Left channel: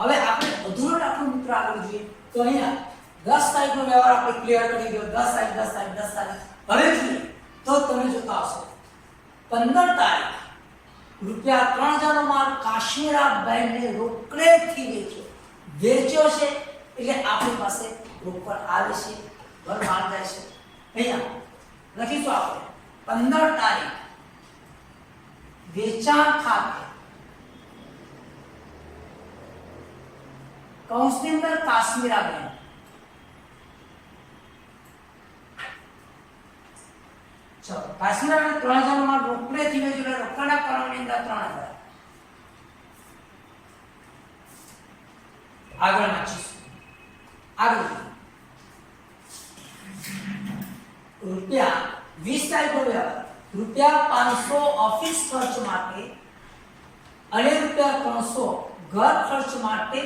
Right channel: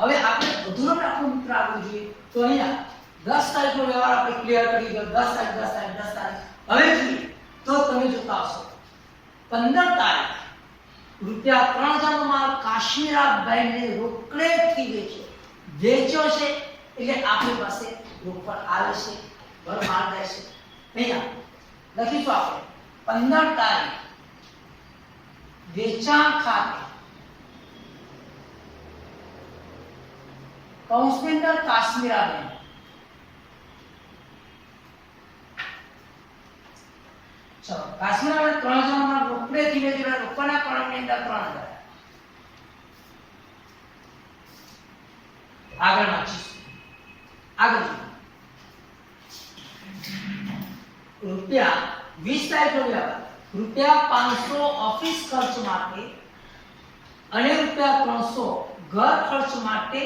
હવે આપણે અધૂરો રાખો મિત્ર આગળ જોઈએ તો અહીંયા 10 તારીખનો વ્યવહાર આપણે ક્લિયર કરી ગયો 10 તારીખ 10 તારીખ 10 તારીખ હવે જોઈએ તો તમે જોતા હશો 15 તારીખ રૂપિયા 3000 નો માલ કાશ્મીરા બેંકને રોકડેથી વેચ્યો છે એટલે આપણી પાસે રોકડ આવે છે ઘર માલ રહેશે અહીંયા લખીશું આપણે 15 તારીખ વેચાણ ખાતે કૌંસની અંદર કાશ્મીરા બેંક ચલો કાશ્મીરા બેંક 3000 માં રોકડેથી વેચેલા રોકડના કલમની અંદર 3000 આગળ વાંચીશું આગળ રૂપિયા 20 તારીખનો વ્યવહાર રૂપિયા 500 ઓફિસ ખર્ચ માટે અને રૂપિયા 300 ઘર ખર્ચ માટે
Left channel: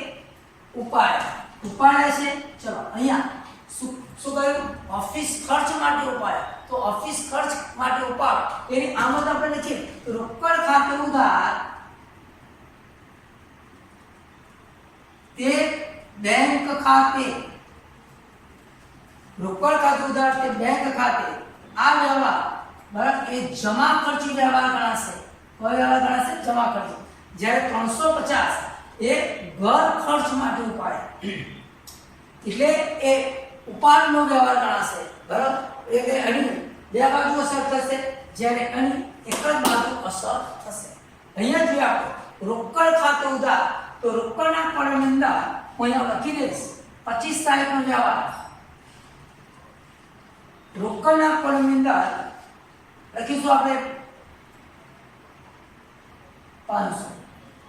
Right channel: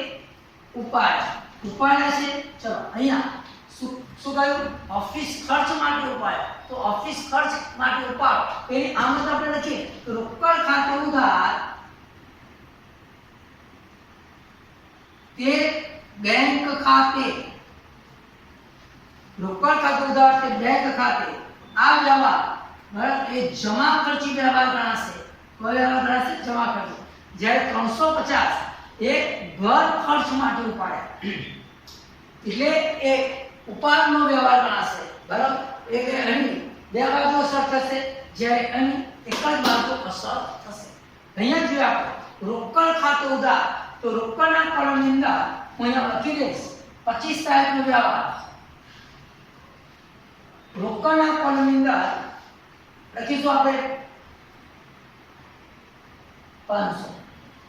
ઉપાડ્યા છે ચલો અહીંયા શું કહ્યું ઓફિસ ખર્ચ માટે ઉપાડ્યા તો ઓફિસ ખર્ચ માટે ઉપાડ એની આમત આપણે લખીએ તો રોકડ ખાતે ઉધાર તે બેંક ખાતે રોકડ ખાતે ઉધાર તે બેંક ખાતે આ વ્યવહાર બરાબર એ જમા ખર્ચી વ્યવહાર ગણાશે કયો વ્યવહાર ગણાશે જમા ખર્ચી જ્યારે 350 એ ઘર ખર્ચ માટે ઉપાડ્યા એટલે એ ઉપાડનો વ્યવહાર ગણાશે બરાબર એટલે અહીં બે બાજુ અસર થશે જ્યારે અહીં એક જ બાજુ અસર થશે અહીંયા જોઈએ આપણે રોકડ ખાતે ઉધાર તો રોકડના કલમની અંદર અહીંયા લખી દઈશ 25 તારીખનો વ્યવહાર રોકડના કલમની અંદર લખીશું આપણે 500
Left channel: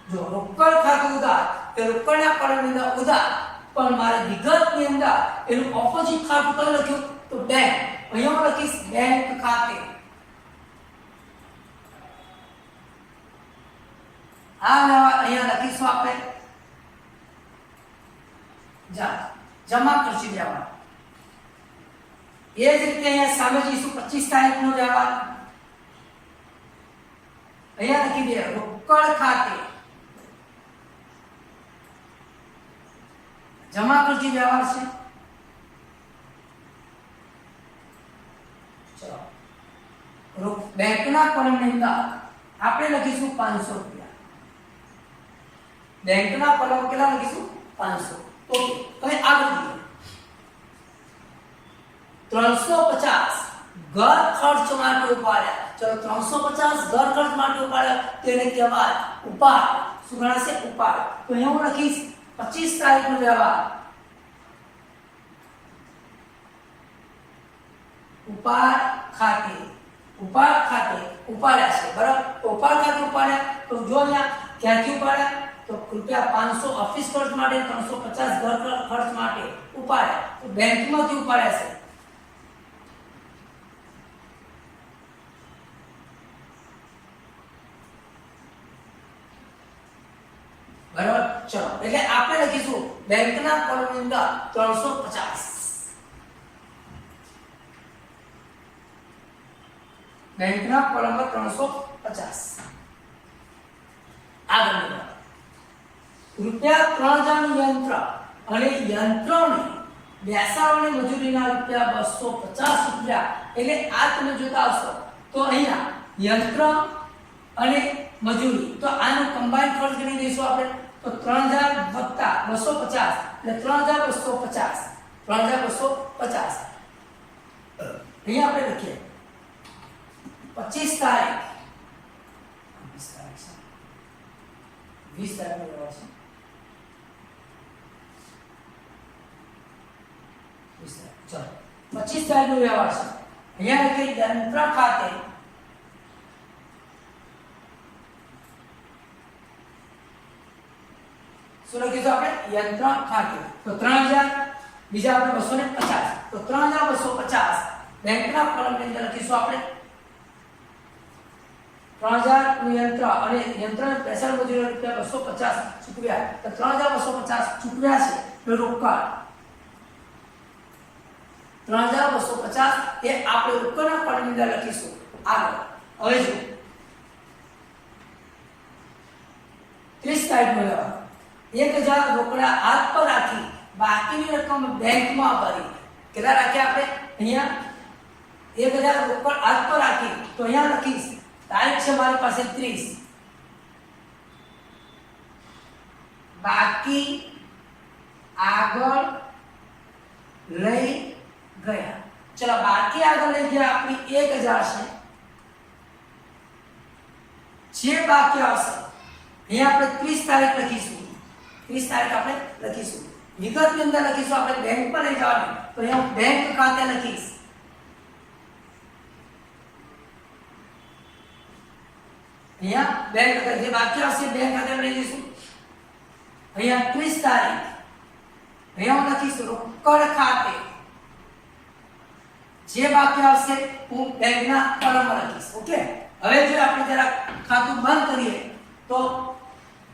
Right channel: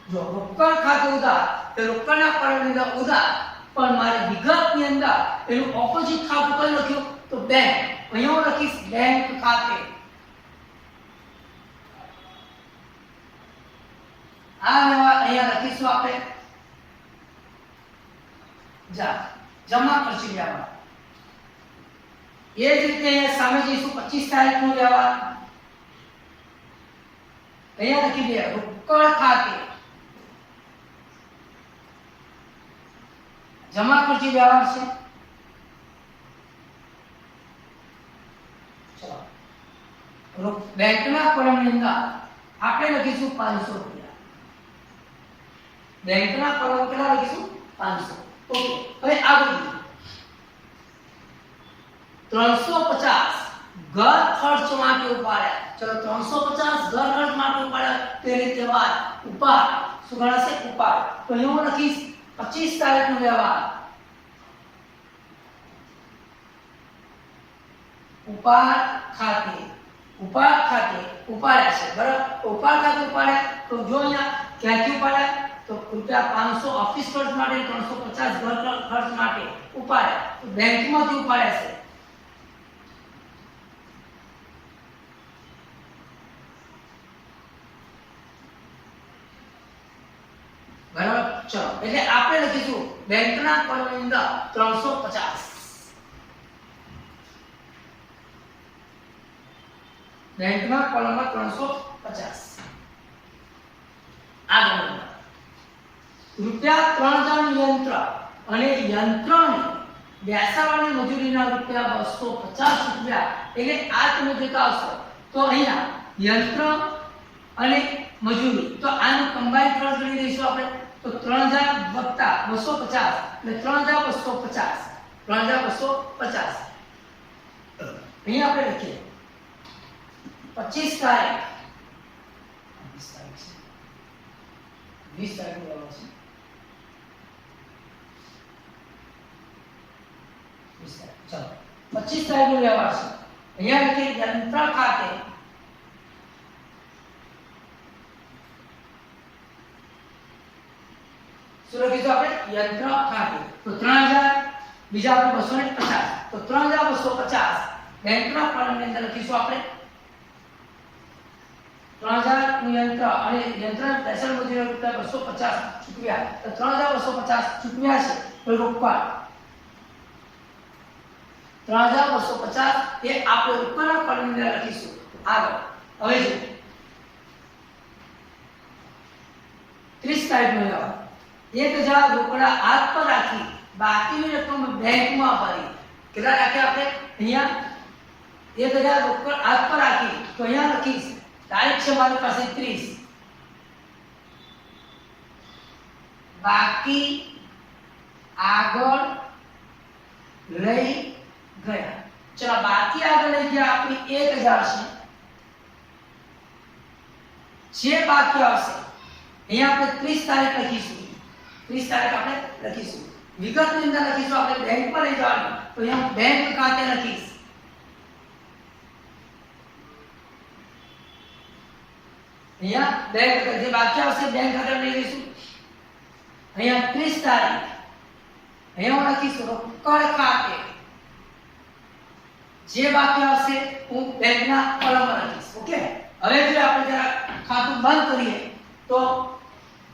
જો રોકડ ખાતે ઉધાર તો રોકડના કલમની અંદર ઉધાર પણ મારે વિગતની અંદર એનું ઓપોઝિટ ખાતું કયું લખ્યું તો બેંક અહીંયા હું લખીશ બેંક ખાતે આ વ્યવહાર અહીંયા લખીશું આપણે જમા ખર્ચી વ્યવહાર એ જ રીતે અહીંયા સામે જઈશું 25 તારીખનો વ્યવહાર અહીંયા લખી દે રોકડ ખાતે જમા ખર્ચી વ્યવહાર છે ચલો બેંકના કોલમની અંદર આપણે લખીશું 500 રૂપિયા બેંકના કોલમ કેટલા લખીશું 500 ઓકે હવે આગળ 350 ઘર ખર્ચ માટે ઉપાડ્યા ચલો 350 ઘર ખર્ચ માટે ઉપાડ્યા તેને કહેવાય ઉપાડ શું ગણાશે ઉપાડ તો અહીં હું લખીશ 25 તારીખનો વ્યવહાર ઉપાડ ખાતે ઉપાડ્યા છે બરાબર ઉપાડ ખાતે ઉપાડ્યા તો જો અહીંયા ક્યાંથી ઉપાડ્યા તો રૂપિયા 500 ઓફિસ ખર્ચ માટે 350 ઘર ખર્ચ માટે ઉપાડ્યા તો બેંકમાંથી ઉપાડ્યા છે બરાબર ચલો એટલે આપણે લખીશું બેંકના કોલમની અંદર 350 બેંકના કોલમમાં 350 આગળ રૂપિયા 3000 નું યંત્ર અને યંત્રની બેસાડવાની મજૂરીના રૂપિયા 250 રૂપિયા એટલે આ તમે જોતા હશો તો અહીંયા યંત્ર અને મજૂરી તો આનો કમ્બાઈન ખર્ચ ગણી દઈશું આપણે તો 3000 વત્તા 250 એટલે 3250 3250 અહીંયા આપણે લખીએ 25 તારીખ 20 તારીખ નો વ્યવહાર છે 25 તારીખ નો વ્યવહાર છે અહીંયા લખીએ યંત્ર ખાતે શું લખીશું આપણે યંત્ર ખાતે તો 3000 બીજા આપણે 250 તો 3250 બેંકના કોલમની અંદર લખીશું આપણે 3000 નું યંત્ર અને યંત્ર બેસાડ મજૂરી રૂપિયા 250 ચૂકવ્યા તો 3250 ચૂકવ્યા છે તો રોકડ 3250 એ આપણે રોકડના કોલમની અંદર લખીશું આગળ હવે જો 30 તારીખનો વ્યવહાર 1000 રોકડા હાથ પર રાખી બાકીની રકમ બેંકમાં ભરી. કેટલા રાખ્યા આપણે અહીંયા 1000 રોકડ હાથ પર રાખી તો અહીંયા લખીશ તારીખ છે મારી પાસે 30 બાકી આગળ લઈ ગયા. ચલો બાકી આગળ લઈ ગયા આપણી 1000 છે. જે બાકી આવશે અહીંયા આપણે 30 તારીખ લખીશું. 30 તારીખ આપણે લખીશું. વિગતની અંદર લખીશું આપણે બેંક પર લઈ જવાનું તો અહીંયા બેંક ખાતે લખીશ. અહીંયા બેંક જે બાકી આવશે બેંક ખાતે લઈ લઈશું. અહીંયા 30 તારીખ અહીંયા હું લખીશ રોકડ ખાતે. જે બાકી આવશે હું બેંકના કોલમમાં લખીશ. ઓકે, હવે જો આપણે જરા ખાતું બંધ કરીએ તો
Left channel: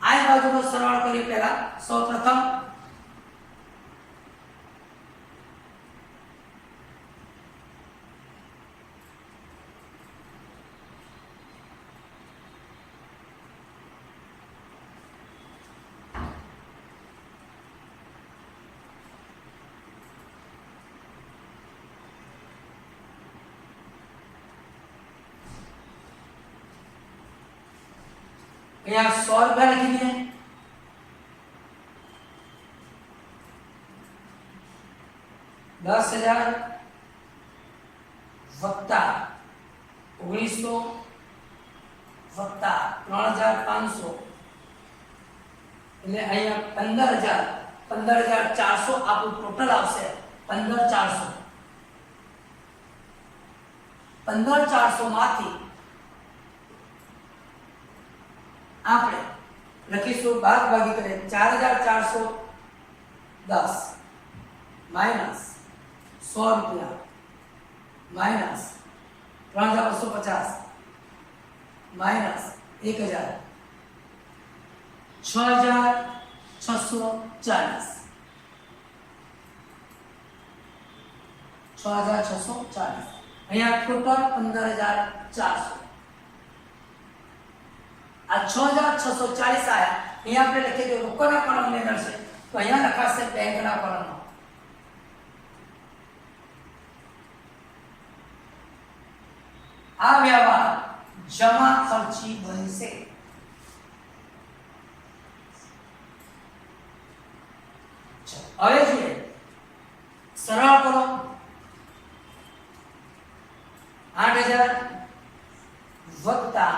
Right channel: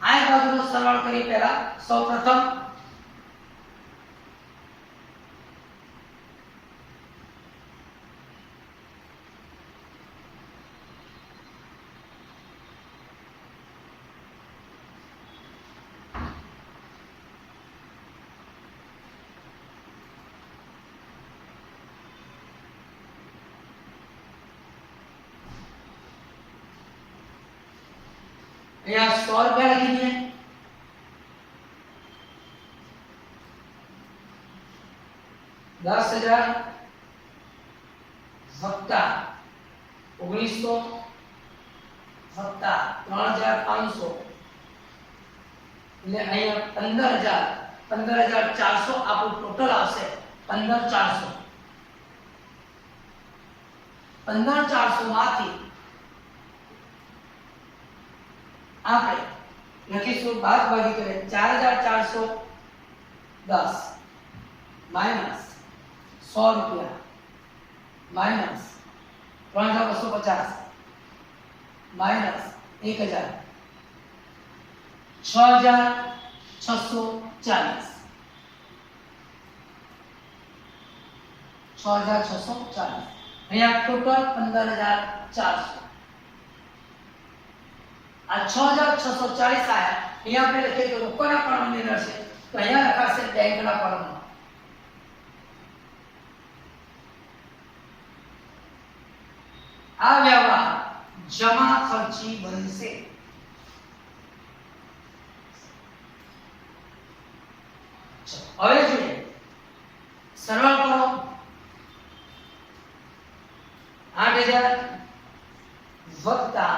આ બાજુનો સરવાળો કરીએ. પહેલા સૌપ્રથમ यहाँ 100 रुपया लगी है. 10,000 વત્તા 1900 વત્તા 3,500 એટલે અહીંયા 15,400 આપણું ટોટલ આવશે. 15,400 માંથી આપણે લખીશું ભાગાભાગી કરે 4,410 માઈનસ 100 રૂપિયા માઈનસ 3,250 માઈનસ 1,000 6,640 અહીંયા ટોટલ 15,400. આ 6,640 આયા. અહીંયા આપણે લખીએ તો રોકડના કોલમની અંદર છે તો અહીંયા લખાશે બેંકના કોલમમાં. આ વ્યવહાર જમા ખર્ચી બનશે. હવે જોઈએ સરળ કરો. 8,000 વત્તા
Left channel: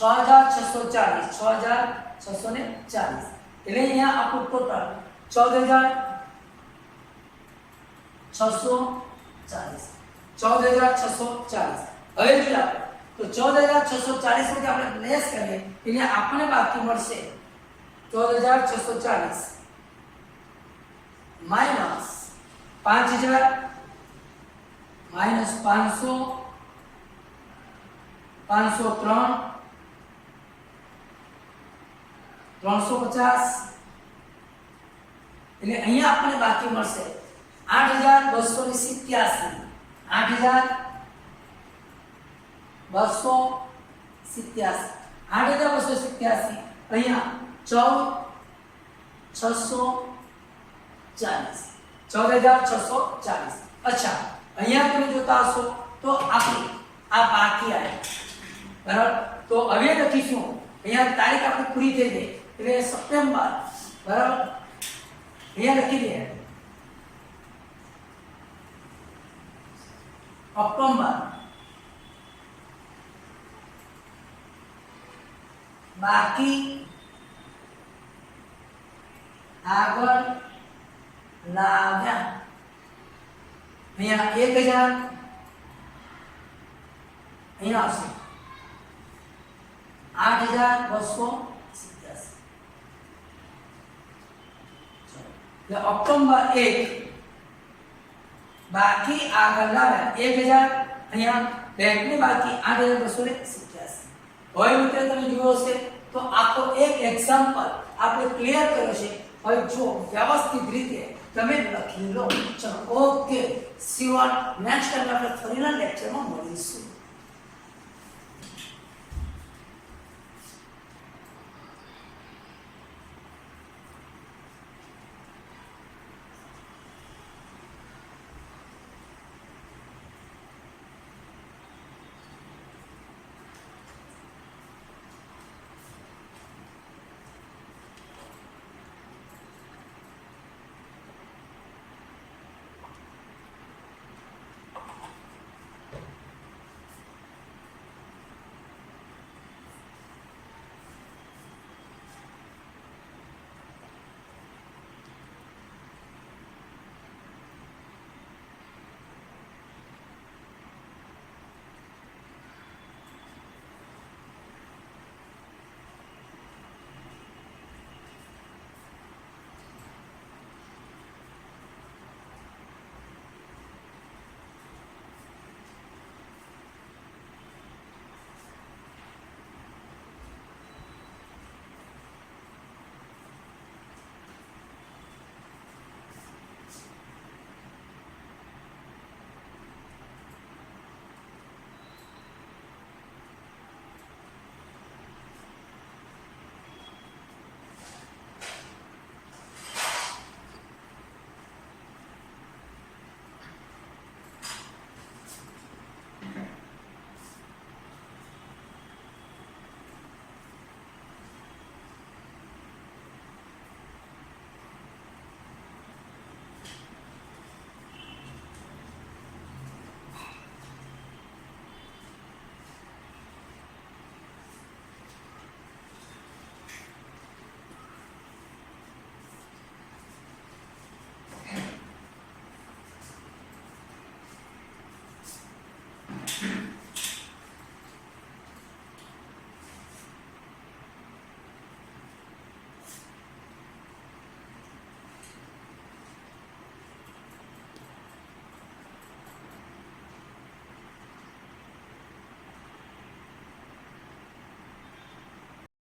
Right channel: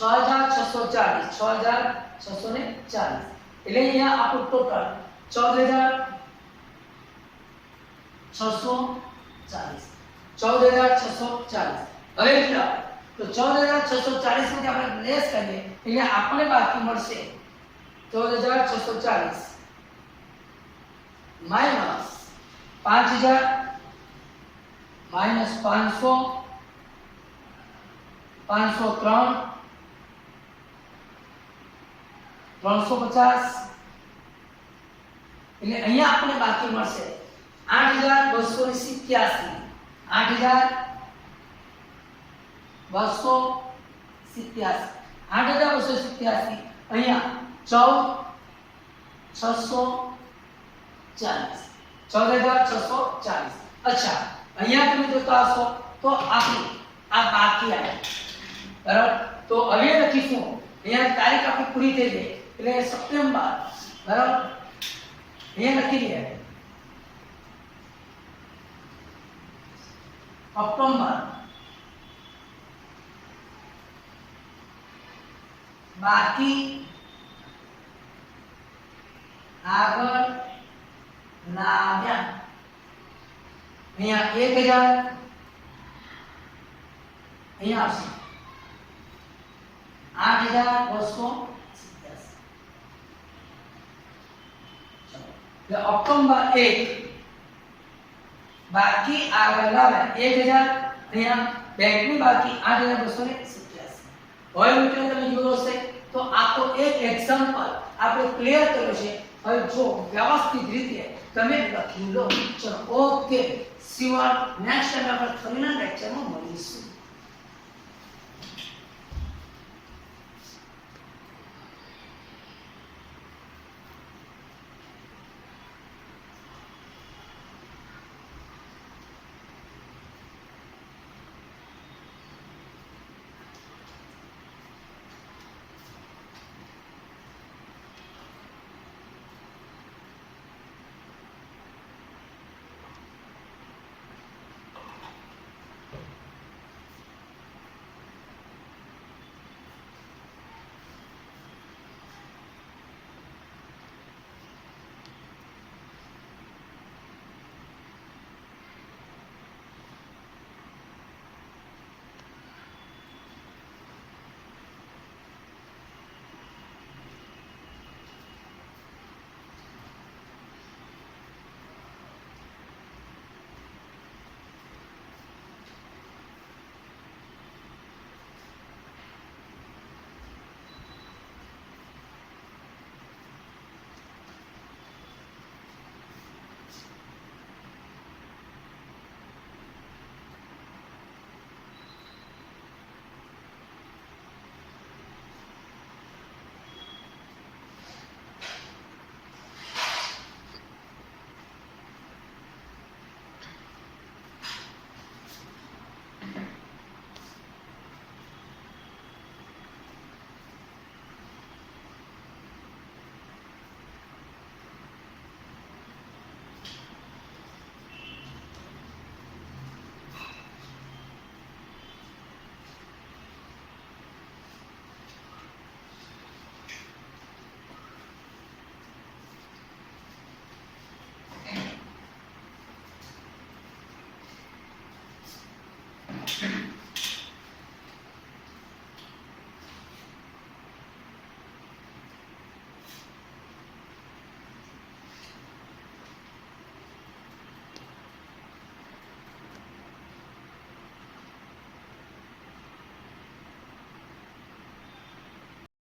6,640 એટલે અહીંયા આપણું ટોટલ 14,640. હવે જો તો 14,640 માંથી આપણે લેસ કરીએ એટલે આપણને બાકી મળશે 14,640 માઈનસ 5,000 માઈનસ 500 503 350 એટલે અહીંયા આપણને બાકી મળશે 8,287. 8,287 અહીંયા 14,640. અચ્છા, અહીંયા તમે જોતા હશો તો આપણી આ બાકી આવે બરાબર. તો હવે લખીશું અહીંયા તારીખ આપણી પૂરી થઈ ગઈ એટલે સપ્ટેમ્બર બરાબર. અહીંયા લખી દઈએ ઓક્ટોબર બાકી આગળ લાવ્યા. અહીંયા 1,000 અહીંયા આવશે 8,287. ઓક્ટોબર 1 બાકી આગળ લાવ્યા 1,000. અહીંયા બેંકની બાકી 8,287. હવે મિત્રો તમે જુઓ છે તો આખો એક એક્ઝામ્પલ આપણે ક્લિયર કર્યો છે. હવે જો વ્યવસ્થિત રીતે તમે લખી લો. ચલો okay, C you next time આપણે ફરીના લેક્ચરમાં મળીશું.